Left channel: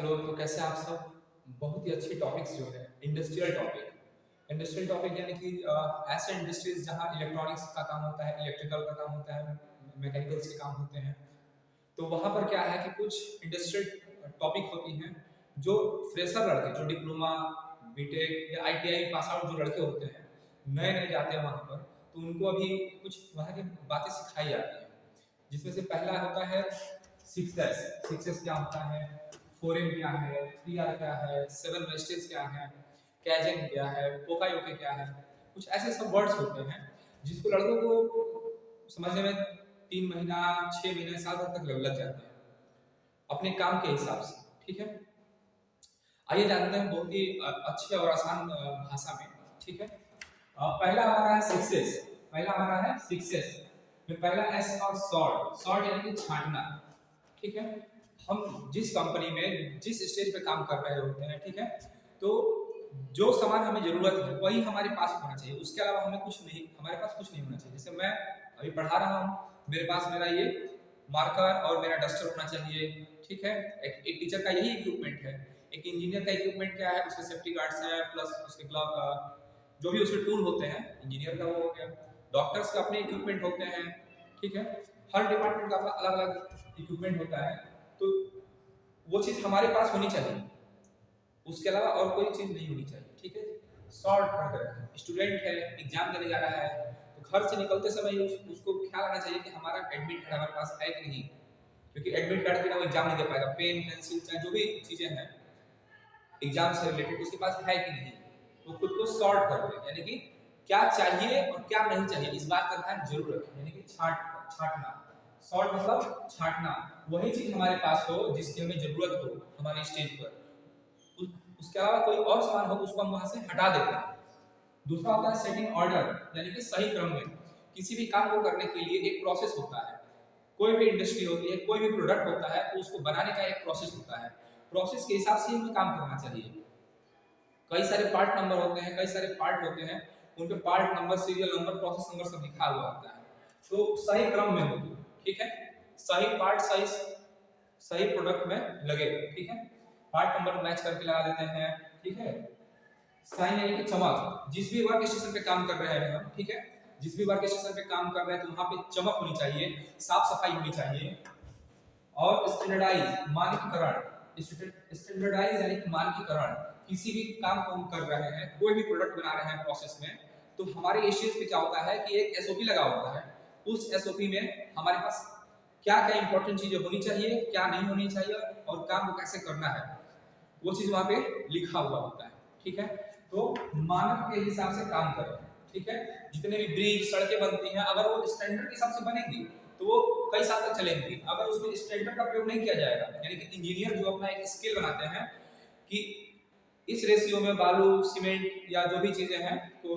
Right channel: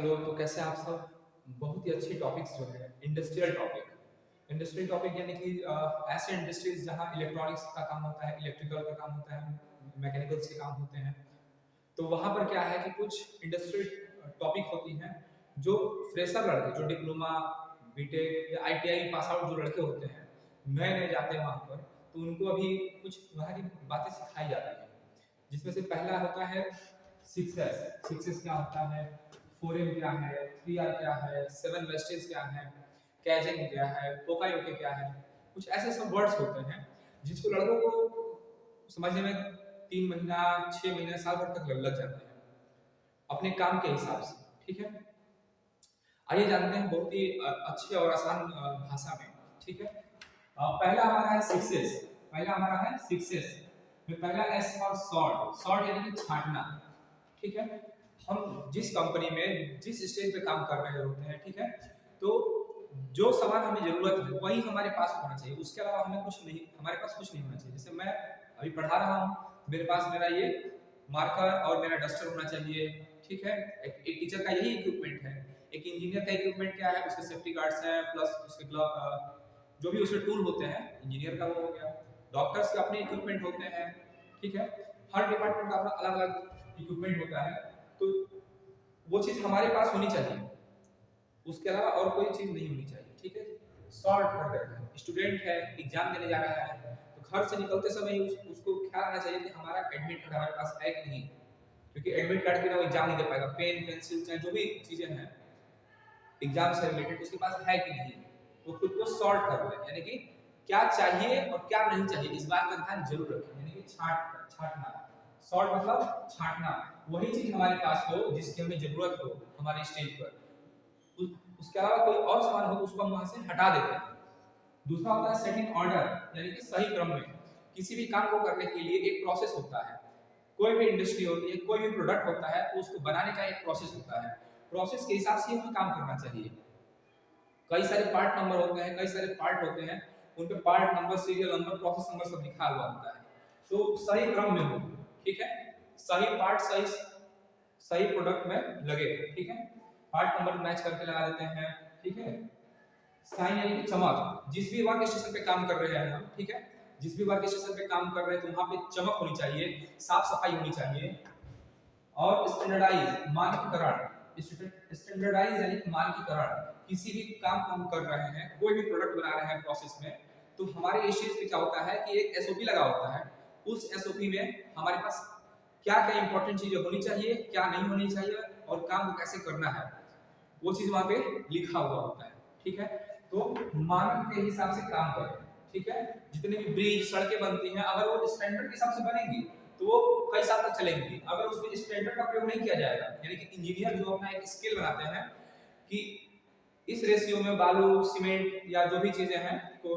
Hello, तो कैसे हैं आप सब? बहुत ही अच्छी टॉपिक्स जो है इंडस्ट्रियल टॉपिक यानी कि ऐसे इंडस्ट्रीज जहाँ इलेक्ट्रॉनिक्स का काम होता है, इलेक्ट्रिकल का काम होता है, मैकेनिकल्स के काम होते हैं। तो वहाँ पर क्या है कि कुछ इंडस्ट्रियल टॉपिक होती हैं जो फ्रेशर लड़के, जो डिप्लोमा, बीटेक या आईटीआई पास आउट जो लड़के होते हैं, नए नए जाते हैं वहाँ पर, तो उनको अभी कुछ वहाँ की बातें सिखाई जाती हैं। जिसमें से पहला होता है सिक्सेस। सिक्सेस क्या होता है, फोरेन क्या है, 3R क्या है, सेवन वेस्टेज क्या है, कैजन क्या है, पोकायोके क्या है। कुछ ऐसे सब वर्ड्स होते हैं जिसको लड़कों को समझने में 3 महीना, 6 महीने, साल भर तक लग जाते हैं अपने काम के हिसाब से। ठीक है, आइए जानते हैं बहुत ही अच्छे और आसान भाषा में। ठीक है, पहला हमारा है सक्सेस। पहला हमारा है सक्सेस में पहला एस और सॉर्ट। सॉर्ट यानी कि छांटना। ठीक है, हम जिस कंपनी में जिस स्टेज पे काम कर रहे होते हैं, ठीक है, तो जो सामान हमें जरूरत है वही हमारे पास होना चाहिए, उसके अलावा हमें कुछ नहीं, हमारे पास कुछ नहीं होना चाहिए। जैसे मैं अभी पढ़ा रहा हूँ, मेरे पास मेरा ये मार्कर और मेरा डस्टर होना चाहिए। ठीक है, एक टीचर का यही इक्विपमेंट है। एक इंजीनियर का इक्विपमेंट क्या है, उसके सेफ्टी गार्ड्स हैं, प्लस उसके ग्लव, जो भी उसके टूल होते हैं, इंजीनियर का वो हो गया। डॉक्टर्स के अपने इक्विपमेंट होते हैं। ठीक है, हर डिपार्टमेंट का अपना अलग अलग इक्विपमेंट होता है, तो वो चीज हमारे पास होनी चाहिए, उसके अलावा और कोई चीज नहीं होनी चाहिए। ठीक है, शॉर्ट कर स्टूडेंट है, एग्जाम देने जा रहा है, तो घर से निकलते समय उसको ख्याल आना चाहिए कि हमारा एडमिट कार्ड हमारे पास है कि नहीं, क्योंकि एडमिट कार्ड के बिना वो एग्जाम नहीं दे पाएगा। पेन, पेंसिल, चाहे जो भी चीजें हैं एग्जाम से रिलेटेड, उसके पास है कि नहीं, वो खुद को सॉर्ट कर ले, यानी कि क्या चाहिए और क्या नहीं चाहिए, इस बात का ध्यान जरूर रखें। यानी कि छाटना, सॉर्ट मतलब छाटना, वही चीज हमारे पास हो जिसकी हमें जरूरत हो हमारे स्टेज पर। उसके अलावा कोई और सामान हो तो उसको हम वहां से हटा देते हैं। दूसरा होता है सेटिंग ऑर्डर, यानी कि सही क्रम में। किसी भी काम को करने के लिए एक प्रोसेस होता है। कोई भी इंडस्ट्री होती है, कोई भी प्रोडक्ट होता है, तो उसको बनाने का एक प्रोसेस होता है। प्रोसेस के हिसाब से हमें काम करना चाहिए। कई सारे पार्ट नंबर होते हैं, कई सारे पार्ट होते हैं, उन पे part number, serial number, process number सब लिखा हुआ होता है, तो सही क्रम में हो। ठीक है, सही पार्ट सही सही प्रोडक्ट में लगे। ठीक है, पार्ट नंबर मैच करके लगा देते हैं। ठीक है, साइन यानी कि चमक। जिस भी वर्क स्टेशन पे काम कर रहे हैं हम, ठीक है, जिस भी वर्क स्टेशन पे काम कर रहे हैं, तो वहां पे चमक होनी चाहिए, साफ सफाई होनी चाहिए। और स्टैंडर्डाइज, मानकीकरण। स्टैंडर्डाइज यानी कि मानकीकरण। किसी भी काम को हम कर रहे हैं, कोई भी प्रोडक्ट बना रहे हैं प्रोसेस में, तो हमारे स्टेज पे क्या होता है कि एक एसओपी लगा होता है। उस एसओपी में हमारे पास क्या क्या इंपॉर्टेंट चीजें होनी चाहिए, क्या नहीं होनी चाहिए, और काम को कैसे करना है, वो चीज वहां पे लिखा हुआ होता है। ठीक है, तो मानक के हिसाब से काम करें। ठीक है, जितने भी ब्रिज, सड़कें बनती हैं, अगर वो स्टैंडर्ड के हिसाब से बनेंगी तो वो कई साल तक चलेंगी। अगर उसमें स्टैंडर्ड का प्रयोग नहीं किया जाएगा, यानी कि इंजीनियर जो अपना एक स्केल बनाते हैं कि इस रेशियो में बालू, सीमेंट या जो भी चीजें हैं तो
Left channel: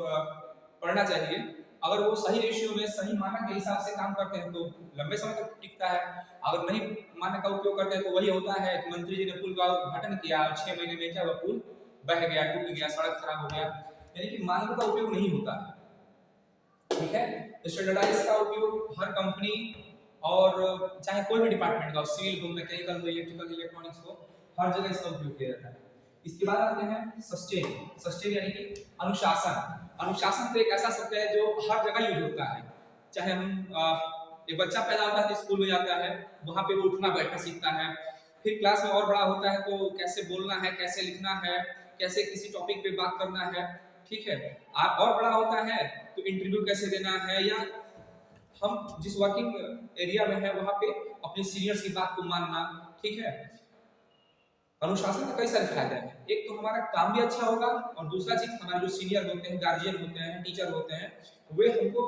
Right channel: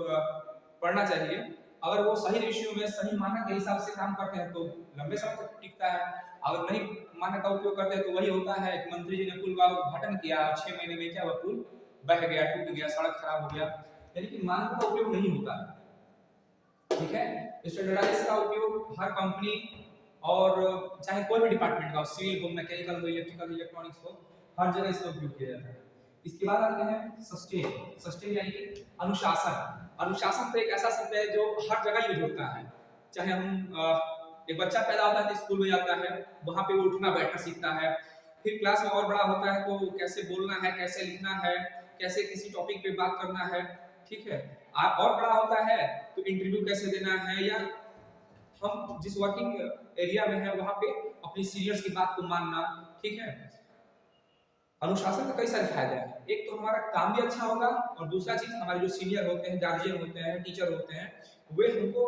पड़ना चाहिए, अगर वो सही रेशियो में, सही मानक के हिसाब से काम करते हैं तो लंबे समय तक टिकता है। अगर नहीं मानक का उपयोग करते हैं तो वही होता है कि मंत्री जी ने पुल का उद्घाटन किया, 6 महीने में क्या हुआ, पुल बह गया, टूट गया, सड़क खराब हो गया। यानी कि मानकों का उपयोग नहीं होता है। ठीक है, स्टैंडर्डाइज का उपयोग हर कंपनी और चाहे कोई भी डिपार्टमेंट का हो, सिविल हो, मैकेनिकल हो, इलेक्ट्रिकल, इलेक्ट्रॉनिक्स हो, हर जगह इसका उपयोग किया जाता है। इसके बाद आते हैं सस्टेन। सस्टेन यानी कि अनुशासन। अनुशासन तो एक ऐसा शब्द है जो हर जगह यूज होता है। चाहे हम एक बच्चा पैदा होता है तो स्कूल में जाता है, वहां पे वो उठना बैठना सीखता है। फिर क्लास में और बड़ा होता है तो कैसे बोलना है, कैसे लिखना है, कैसे किसी टॉपिक पे बात करना है। ठीक है, और बड़ा होता है तो इंटरव्यू कैसे देना है, या हम जिस वर्किंग एरिया में है वहां पे अपने सीनियर्स की बात को मानना। ठीक है, अनुशासन के कई सारे फायदे हैं। एक तो हमारा काम भी अच्छा होगा, और दूसरा चीज हमारे जो सीनियर होते हैं, गार्जियन होते हैं, टीचर होते हैं, वे हमको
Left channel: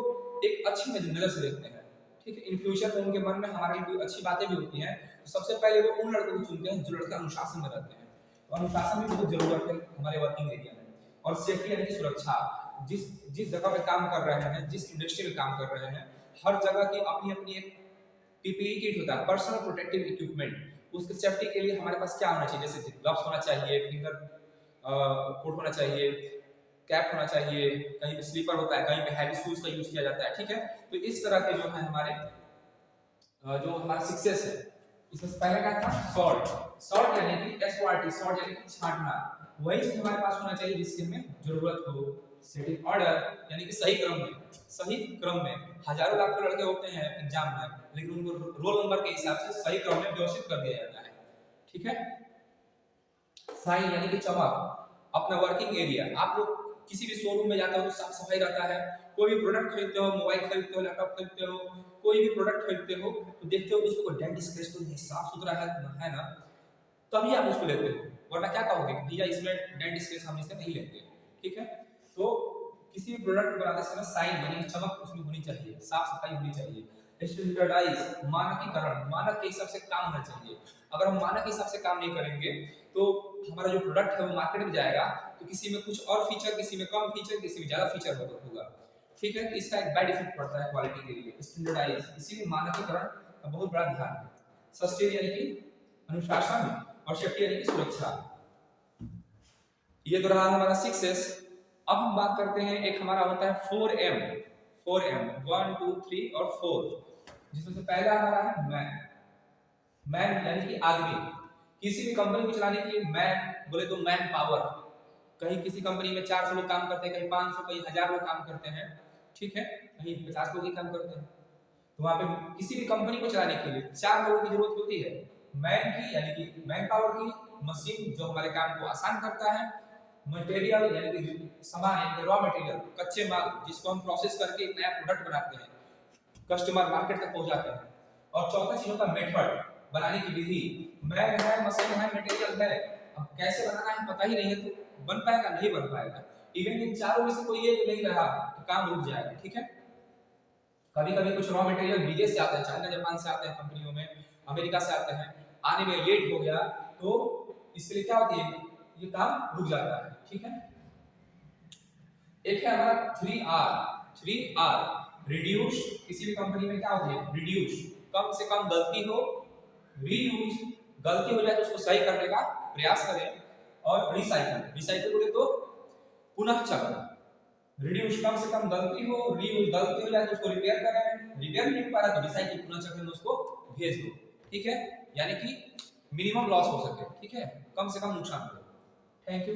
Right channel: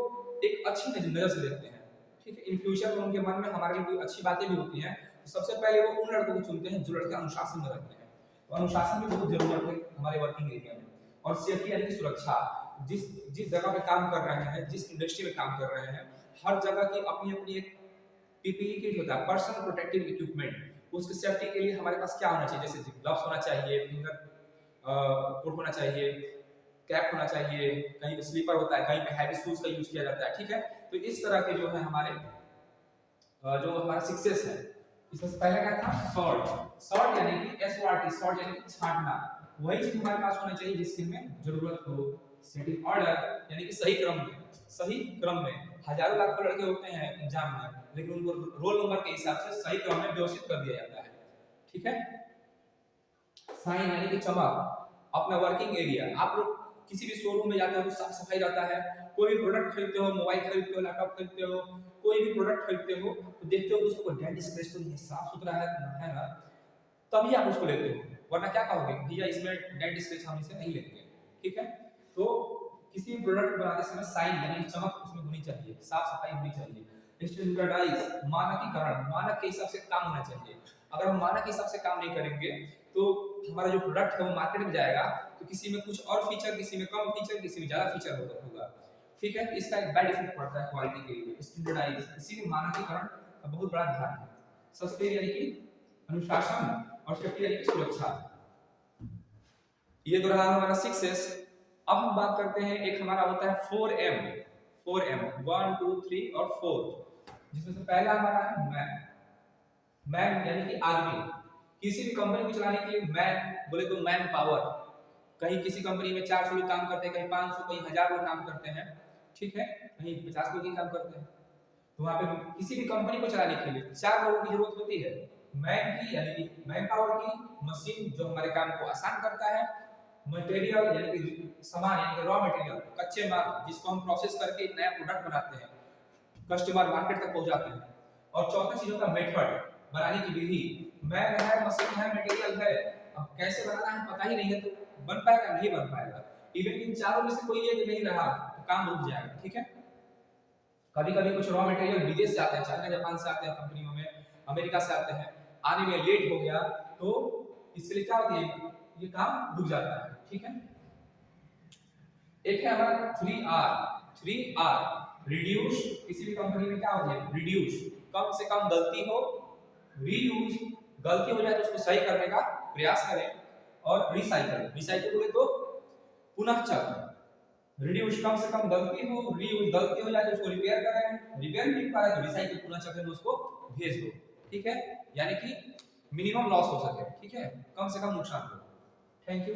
एक अच्छी नजर से देखते हैं। ठीक है, इन फ्यूचर में उनके मन में हमारे लिए अच्छी बातें भी होती हैं, तो सबसे पहले वो उन लड़कों को चुनते हैं जो लड़के अनुशासन में रहते हैं। तो अनुशासन भी बहुत जरूरत है हमारे वर्किंग एरिया में। और सेफ्टी यानी कि सुरक्षा। जिस जिस जगह पे काम कर रहे हैं, जिस इंडस्ट्री में काम कर रहे हैं, हर जगह की अपनी अपनी एक पीपीई किट होता है, पर्सनल प्रोटेक्टिव इक्विपमेंट। उसकी सेफ्टी के लिए हमारे पास क्या होना चाहिए, जैसे ग्लव्स होना चाहिए, फिंगर कोट होना चाहिए, कैप होना चाहिए, कहीं पे स्लीपर होता है, कहीं पे हैवी शूज का यूज किया जाता है। ठीक है, तो इस तरह के जो है हमारे जो हमारा सक्सेस है, इससे पहले क्या था सॉर्ट, सॉर्ट यानी कि SORT, सॉर्ट यानी कि छांटना, वही चीज हमारे पास होना चाहिए जिसकी हमें जरूरत हो। सेटिंग ऑर्डर यानी कि सही क्रम में, सही क्रम में हजारों लाखों लड़के होते हैं एग्जाम में, लेकिन उनको रोल नंबर के हिसाब से सही क्रम में व्यवस्थित कर दिया जाता है, ठीक है। साइन यानी कि चमक, अपना वर्किंग एरिया, आप लोग किसी भी शोरूम में जाते हो तो साफ सफाई रहता है, कोई भी प्रोडक्ट खरीदते हो, मोबाइल खरीदते हो, लैपटॉप खरीदते हो, कोई भी प्रोडक्ट खरीदते हो तो देखते हो कि उसको कोई डेंट स्क्रैच तो नहीं, साफ सुथरा है ना, तभी आप उसको लेते हो, वरना क्या कहोगे भैया इसमें डेंट स्क्रैच हम इसे नहीं लेंगे, ठीक है। तो किसी भी प्रोडक्ट बनाते समय साइन यानी चमक उसमें होनी चाहिए, साफ सफाई होनी चाहिए। स्टैंडर्डाइज मानकीकरण, मानक के हिसाब से काम होना चाहिए। अगर हम मानक के हिसाब से काम नहीं करेंगे तो हमारा जो प्रोडक्ट है वो मार्केट में जाएगा तो किसी में कुछ और फीचर, किसी में कम फीचर, किसी में ज्यादा फीचर होगा, ठीक है। तो इसका एक बैड इफेक्ट पड़ता है क्वालिटी के लिए। स्टैंडर्डाइज इसीलिए मानकीकरण का बहुत बड़ा ध्यान है। सस्टेन यानी कि अनुशासन और सेफ्टी यानी कि सुरक्षा। ये तो रहा हमारा 6S। अब हम बात करते हैं, एक हमारा होता है 4M, 4M 1 2 3 और 4, जिसमें से पहला हमारा है मैन, मैन यानी कि आदमी। किसी भी कंपनी को चलाने के लिए मैन बोले तो मैन पावर, कहीं किसी कंपनी में 400 लोग काम करते हैं, कहीं 500, कहीं 1000 लोग काम करते हैं, ठीक है, कहीं 50 लोग ही काम करते हैं। तो वहां पे किसी भी कंपनी को चलाने के लिए 4 लोगों की जरूरत होती है, मैन की यानी कि मैन पावर की, मशीन जो हमारे काम को आसान करता है, मटेरियल यानी कि सामान यानी कि रॉ मटेरियल, कच्चे माल जिसको हम प्रोसेस करके एक नया प्रोडक्ट बनाते हैं, कस्टमर मार्केट तक पहुंचाते हैं। और चौथा चीज होता है मेथड, बनाने की विधि। मैन है, मशीन है, मटेरियल है, अब कैसे बनाना है पता ही नहीं है तो बन पाएगा नहीं बन पाएगा। इवन इन चारों में से कोई एक नहीं रहा तो काम रुक जाएगा, ठीक है। कभी कभी कुछ रॉ मटेरियल विदेश से आते हैं, चाइना जापान से आते हैं कंपनियों में, अमेरिका से आते हैं, आने में लेट हो गया तो इसलिए क्या होती है ये काम रुक जाता है, ठीक है। एक है हमारा 3R, 3R रिड्यूस। किसी भी कंपनी में क्या होती है रिड्यूस, कम से कम गलती हो, रीयूज गलती हो जाए तो उसको सही करने का प्रयास करें, और रिसाइकल, रिसाइकल बोले तो पुनः चक्र। रिड्यूस कम से कम गलती हो, रीयूज गलती हो जाए तो उसको रिपेयर करें, रिपेयर नहीं हो पा रहा तो रिसाइकल पुनः चक्र में उसको भेज दो, ठीक है, यानी कि मिनिमम लॉस हो सके, ठीक है, कम से कम नुकसान हो। Thank you.